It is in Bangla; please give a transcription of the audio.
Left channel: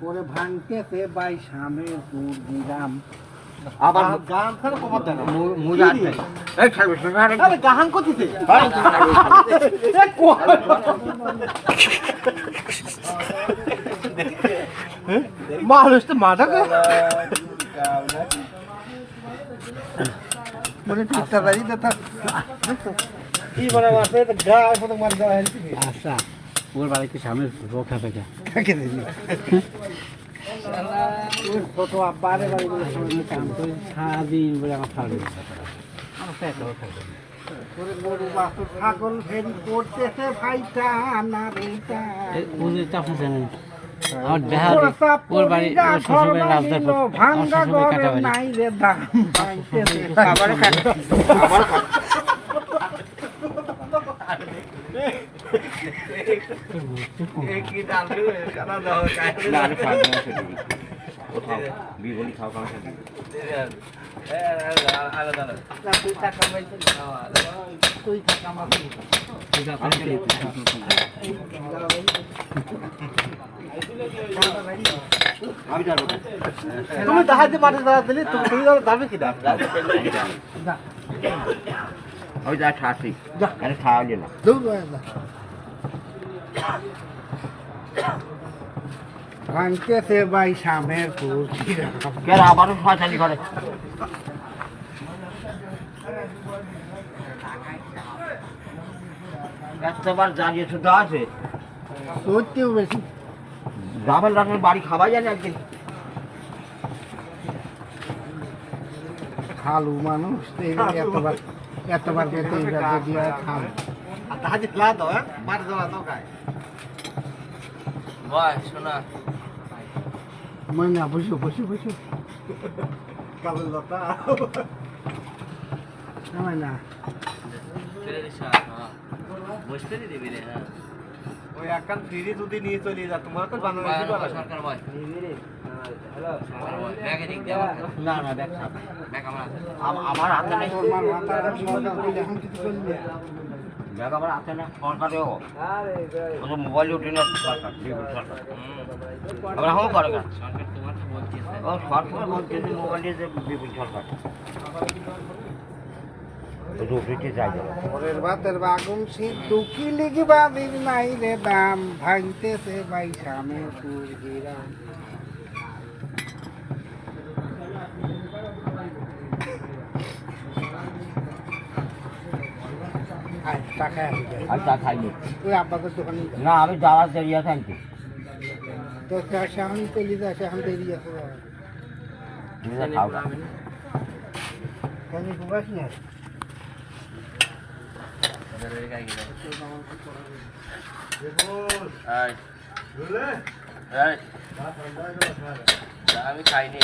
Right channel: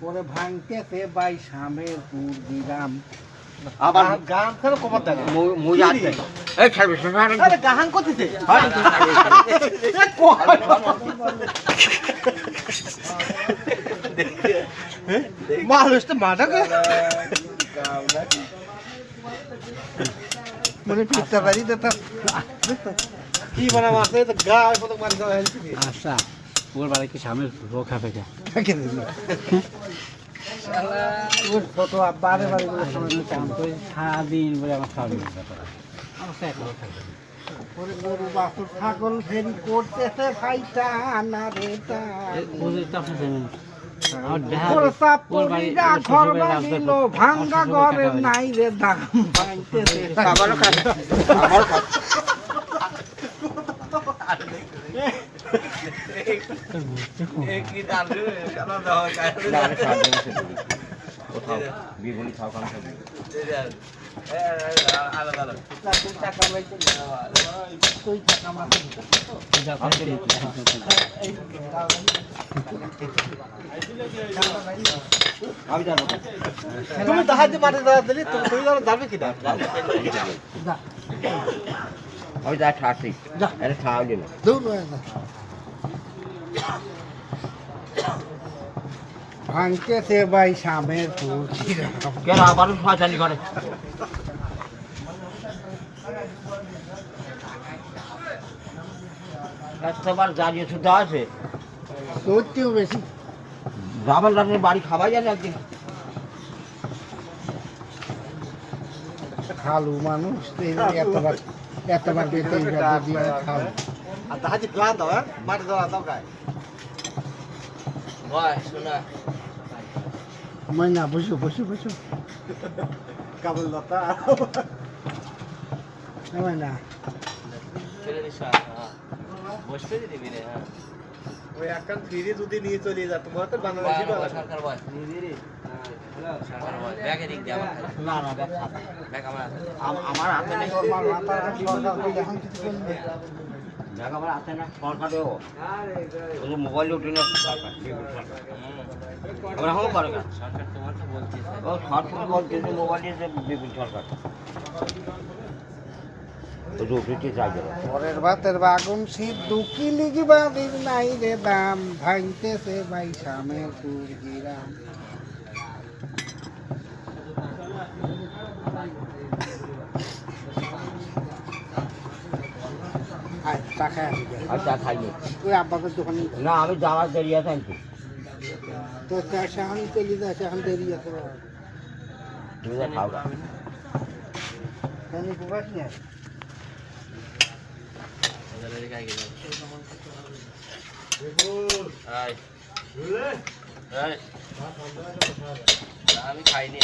পরে ভাঙতেছে বাই শামের পুর দিলাম আবার গান করে কমার দেয় না মুই আসছে এই ছাড়বে আরে গান করতেছে মানুষ তো মাথা মনে পিঠটা বাড়ি দাতা কি বানা আছে তো গায় ফটো মার দাও আচ্ছা ওর বাড়িতে সামনের রোখা থেকে কাকে দিবি ওর ফটো বারে বারে করে কাম করে সারাদিন বলে আমার সারাদিন ওরে গরু বাছুর ছাগল ফেরি করতেছে ভাইটা না রে ঘর বানিল ভাঙ্গা ঘরে নাই রে দাম ভাঙতেছে আবারও তুমি দাহাতে মাঠে দাঁড়া দিলি তুমি দাঁড়াবে কি দা আমি যা ঠাসি এখানে খাওয়ালি না দূর ভাঙতেছে ভাই সামের পুর কেন আমারও শয়তানি করে একবার জানিয়ে শুধু আছে সত্যিও বেশি রামান রামের বাড়ি খাওয়াই জানি একদিন খালু মানুষ এতবার দিয়ে খাল আর দাহাতে গ্লাস দাও মাঠে দাঁড়া দাও গায় শোনা ময়না বসো কাবুল লতা ময়না ওই একখান ফিরে যদি নিয়ে চলে যা তোমার তো বানানো সরকার বয় না না আমার হাতে নেই ব্যাগ আমার হাতে না সরকারেও মোবাইলে উঠে না আমরা হাও করে না ও সরকার বলছে মোবাইলে যে বিপুল সরকার পরের ভাতের বাগুন সিদ্ধু কি লিখবা দিন নাই রে দাম ভাঙতেছে ভাই সামের পুর দিলাম চা খাইনি এই আব্বাকে দোকানে না আমি যাওয়ার দেরি আছে আনছি তো চা শাহানি চলে যায় শাহান দেরি আছে তুমি খাও আমি প্রকাশ না আমি খাইনি